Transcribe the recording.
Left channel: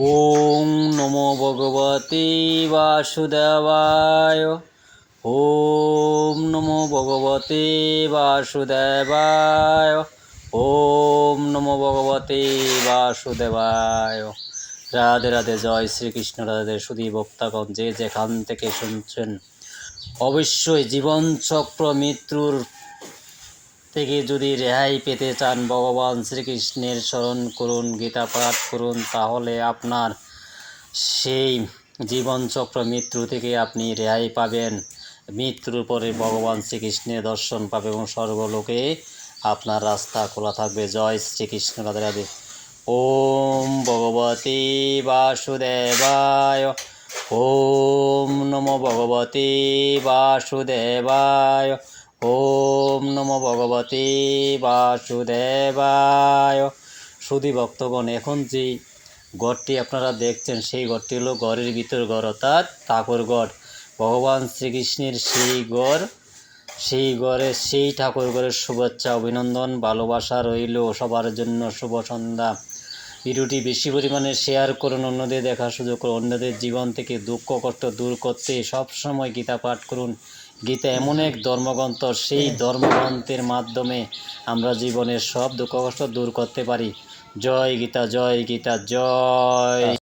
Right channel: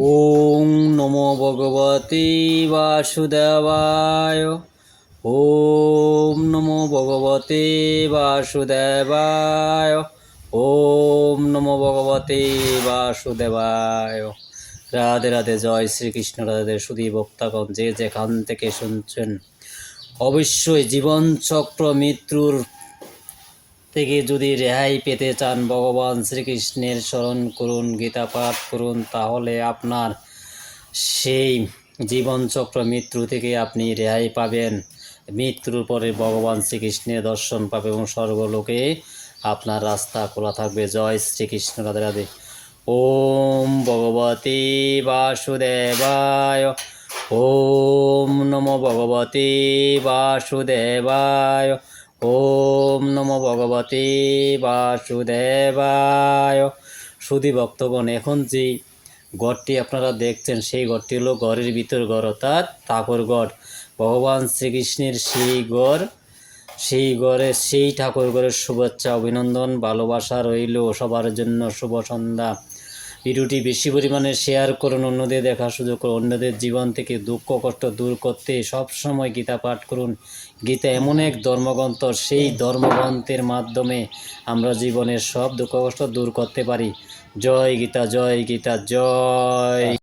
ওম নমো ভগবতে বাসুদেবায়। ওম নমো ভগবতে বাসুদেবায়। ওম নমো ভগবতে বাসুদেবায়। রাধে রাধে, জয় শ্রীকৃষ্ণ। রাধে সুধী ভক্তগণ, যে যেখান থেকে শুনছেন, অবশ্যই জীবনচক্র মৃত্যুর থেকে যদি রেহাই পেতে চান, ভগবান শ্রীকৃষ্ণের স্মরণ করুন, গীতা পাঠ করুন, তাহলে আপনার সেই জীবনচক্র মৃত্যু থেকে আপনি রেহাই পাবেন। মৃত্যুর পরে ভগবান শ্রীকৃষ্ণের দর্শন পাবে এবং স্বর্গলোকে আপনার রাস্তা খোলা থাকবে। জয় শ্রীকৃষ্ণ। রাধে রাধে। ওম ভগবতে বাসুদেবায়। ওম নমো ভগবতে বাসুদেবায়। ওম নমো ভগবতে বাসুদেবায়। সুধী ভক্তগণ, এখন যে ঘরটি আপনারা দেখছেন, সেই ঘরটি হলো ঘরের ভিতর ঘর, অর্থাৎ ঠাকুর ঘর। ভগবান শ্রীকৃষ্ণের সেই ঘর, সেই ঘরে সেই ঠাকুর ঘরের শুভেচ্ছা, অভিনন্দন, ভালোবাসা রইল সবার জন্য। শুভ সন্ধ্যা। ভিডিওটি বেশি পরিমাণে শেয়ার করুন, অন্যদের দেখার সুযোগ করুন। অন্যদের জীবন থেকে দুঃখ কষ্ট দূর করতে সবসময় গীতা পাঠ করুন। গীতা এমন এক ধর্মগ্রন্থ, সেই ধর্মগ্রন্থের মাধ্যমে আমরা জীবনের সব দুঃখ কষ্ট দূর করতে পারি। জয় গীতা, জয় গীতা, জয়।